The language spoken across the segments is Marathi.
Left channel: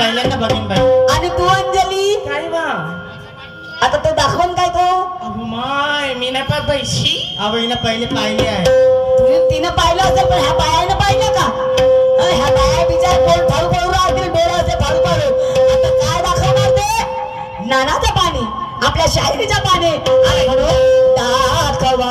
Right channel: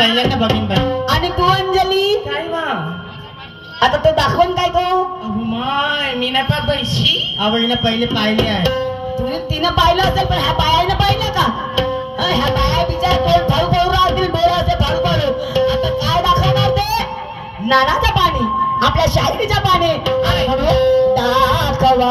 पहिल्यांदा बघीन बाई. आणि तू अंजली काय बा आता तो दाखवून काय तो अहो माय मी नाही पाहत बाईशी. अहो हिला पहिले पाहिले आहे. तुझे तिनं पाहिलं असेल पण ह्या बायानं पाहिलं का? ह्या बाया बिचार कोण फाळू राहतील डोळे असे फाळू आता काय दाखवणार ते? नानाचं पाणी आपल्या शाहिरीच्या पाणी म्हणून दाखवा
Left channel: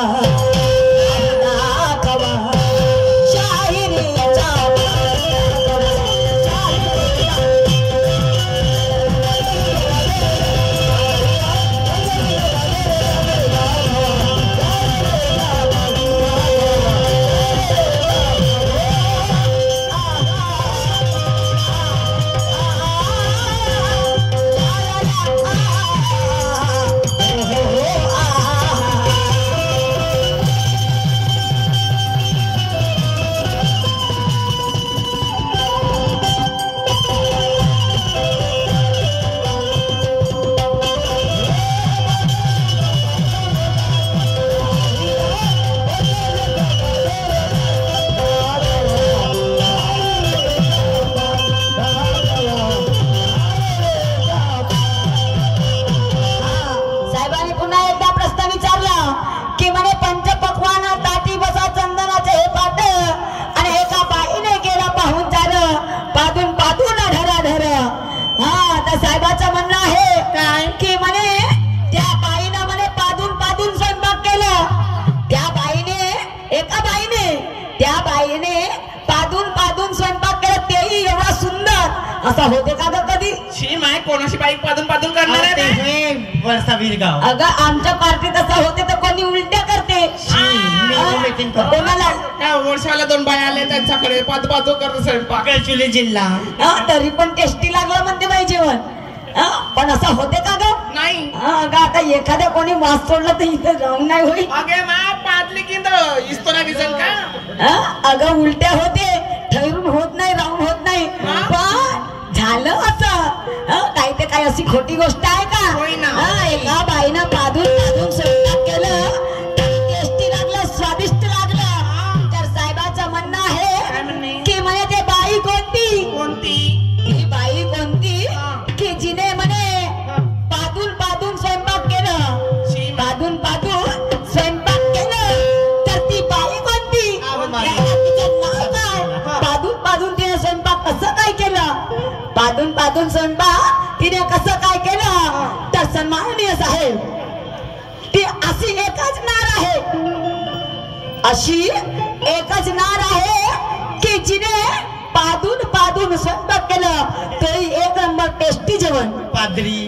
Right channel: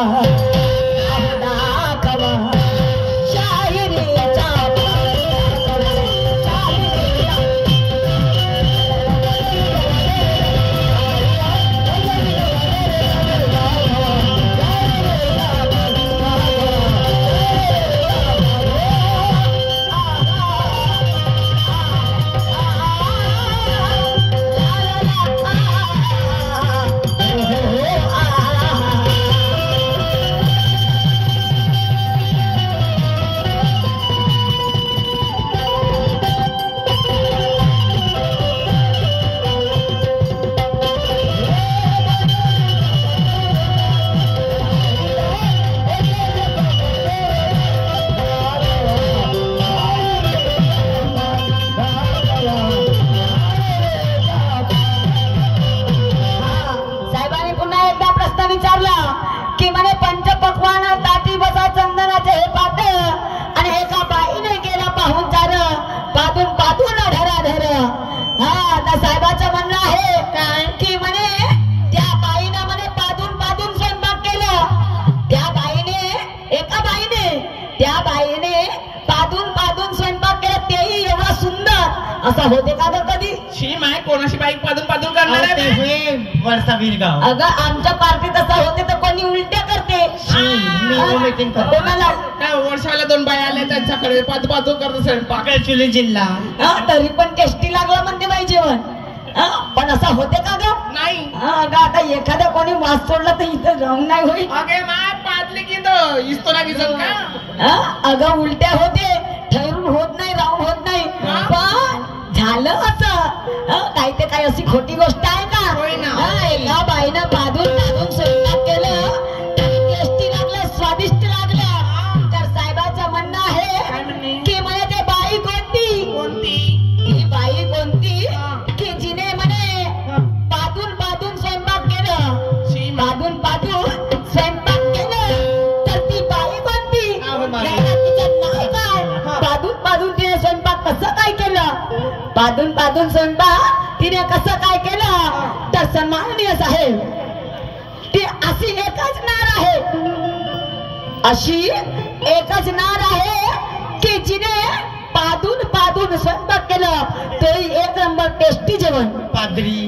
असा होते का ग कधी? शी माय कोणाशी बाईक पादून पादून करणार आहे हे वरचा वीरगाव. अगं आमच्या पार्टीत असा होते तर कोणी उलट्या करते. मीटिंग करतो. कोणाला त्या वर्षाला 2 बाया आल्या त्यांच्याकडे पादू पादू करत स्वयंपाक. चुली जिल्हा तरी पण टेस्टी लागलं म्हणते बाई जेवण. पण असं होते का ग? नाही. अगं आता एखाद्या कोणी वास सोडला तर इथं राहून नाही होईल. अगे मा पादली की इस्तो नाही विजन का? अगं उलट्या होते ठरून होत नाही राहून होत नाही. पण झालं असं काही ते काही अशी खोटी गोष्ट आहे का? एका बाईनं पादून पादून स्वयंपाक केलं टेस्टी लागलं स्वादिष्ट लागलं तर साहेबाचं म्हणणं आहे की म्हणे ते बाई कोणती कोणती ती बाई कोणती की जिने म्हणे पादून पादून स्वयंपाक केलं पादून पादून स्वयंपाक केलं तर ती बाई कोणती? तिचं नाव काय? पादून पादून तिने स्वयंपाक कसं काय केलं? पादून पादून स्वयंपाक तिने कसं काय केलं तर सन्माननीय साहेब ती अशी एकच नार आहे अशी एकच नार आहे की जिने पादून पादून स्वयंपाक केलं तरी 1 नंबर टेस्टी जेवण. पादरी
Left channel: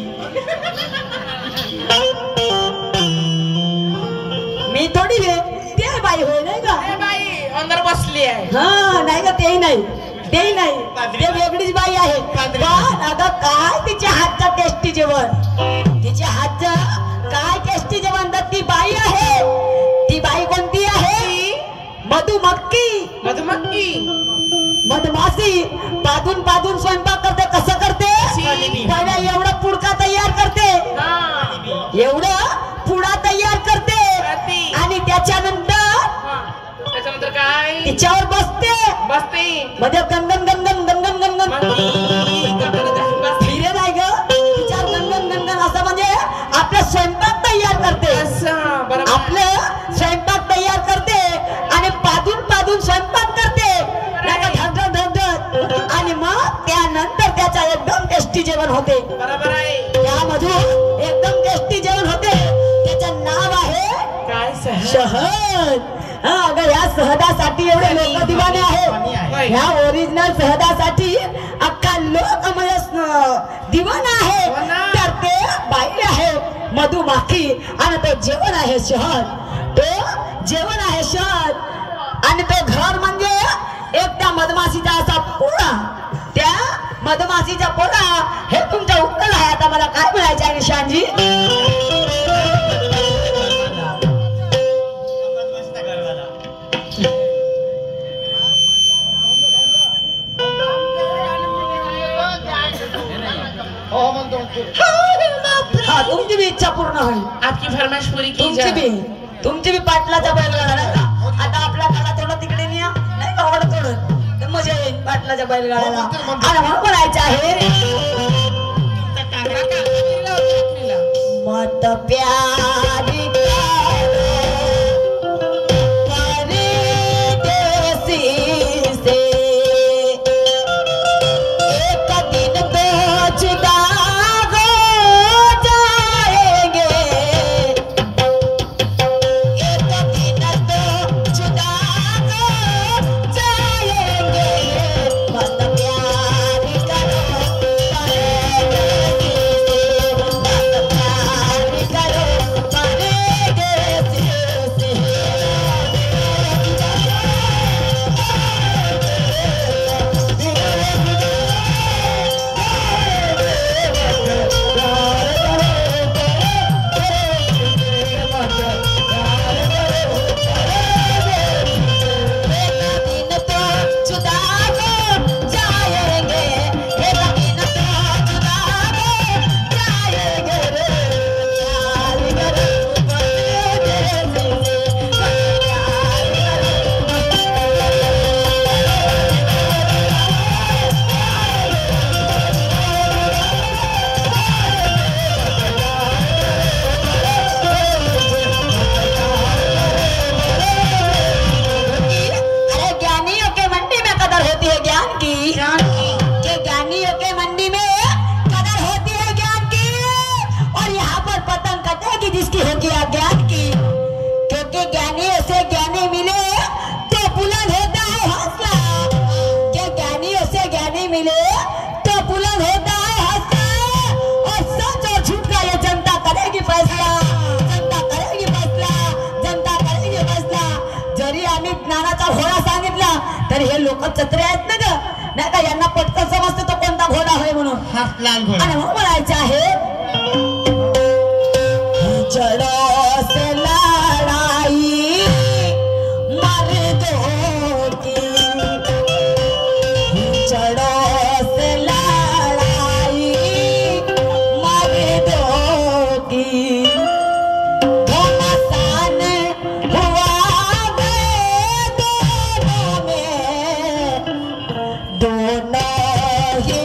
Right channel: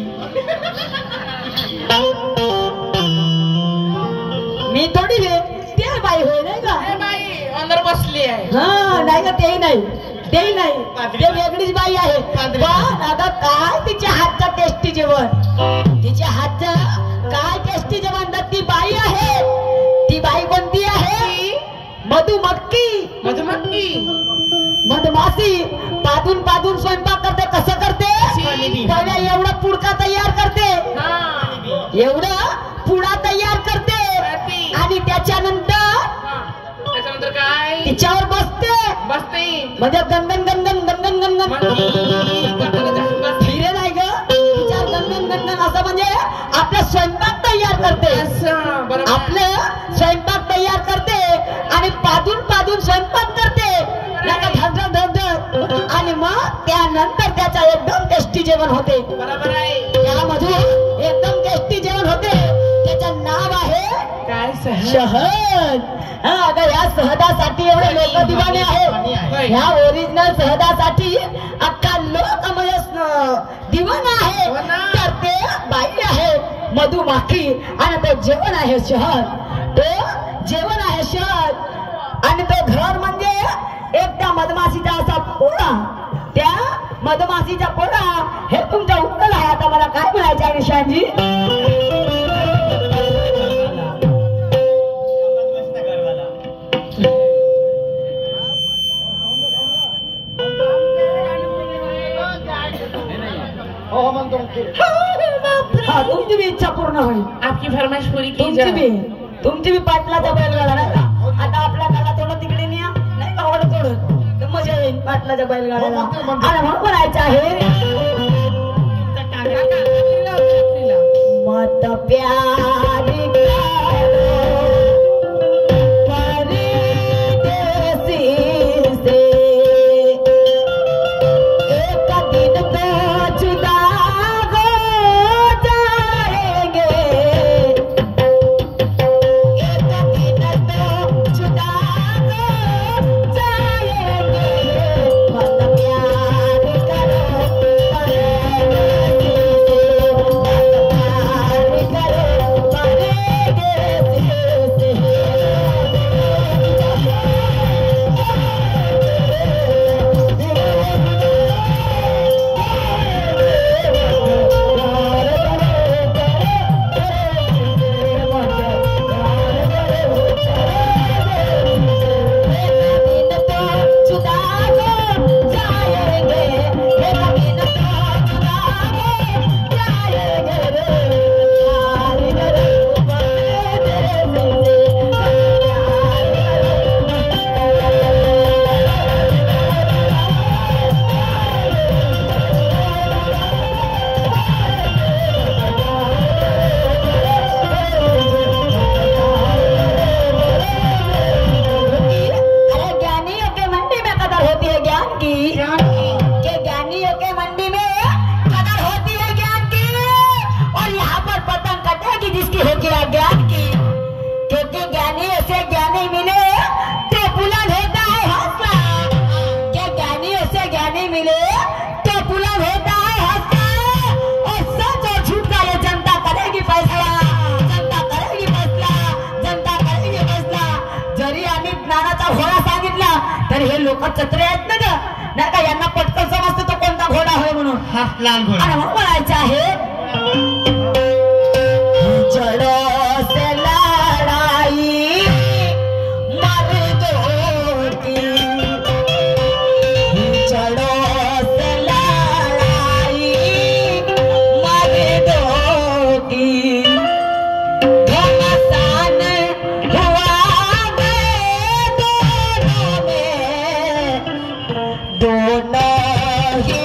मी थोडी रे ते बाई होय नाही का? बाई अंदर बसली आहे. नाही का तेही नाही तेही नाही ते वेगळीच बाई आहे. पण अगं काय तिच्या हातचं टेस्टी जेवण तिच्या हातचं काय टेस्टी जेवण तर ती बाई आहे. ती बाई कोणती आहे? मधुमक्खी. मधुमक्खी मधमाशी पादून पादून स्वयंपाक करते. कसं करते? पहिले एवढं पुडका तयार करते एवढं पुडा तयार करते आणि त्याच्यानंतर काय तिच्यावर बसते म्हणजे गणगण गणगण गणगण गणगण हिरे नाही ग तिच्यावर गणगण गणगण असं म्हणजे आपला स्वयंपाक तयार करते. आपलं स्वयंपाक तयार करते आणि पादून पादून स्वयंपाक करते आणि मग त्यानंतर त्याचा एकदम टेस्टी जेवण होते. बरोबर आहे. त्यामधून एकदम टेस्टी जेवण होते. त्याचं नाव आहे काय? शहद. अगं या शहदासाठी एवढे लोक दिवाने आहेत. ह्या ओरिजिनल शहदासाठी अख्खा लोक दिवाना आहे. तर ते बाई आहे मधुमक्खी आणि तो जेवण आहे शहद. तो जेवण आहे शहद आणि तो घर म्हणजे एकदा मधमाशीचा असा पोळा. त्या मधमाशीचा पोळा हे तुमचं उत्तर आहे. आता मला काय म्हणायचं आहे निशांजी? तुमची भी इच्छा पूर्ण होईल. आपकी फरमाइश पूरी की तुमची भी पाटलाचा बैलगाडा नाही का? आता आपला गाडा थोडं तिकडे न्या नाही का? थोडं मजा येईल पाटला स्वतःच्या बैलगाड्याला म्हणतो. आणि मग म्हणायचं आहे मत प्यार करो परदेसी से एक दिन तो जुदा हो जाएंगे एक दिन तो जुदा हो जाएंगे मत प्यार करो परदेसी तर हे लोक चत्रे आहेत ना ग नाही का यांना पटकन समजतं तो कोणता घोडा होय म्हणून हसलान घोडा आणि मग म्हणायचं आहे जड़ों से लड़ाई मर्दों की जड़ों से लड़ाई मर्दों की घमासान हुआ दोनों में दोनों ही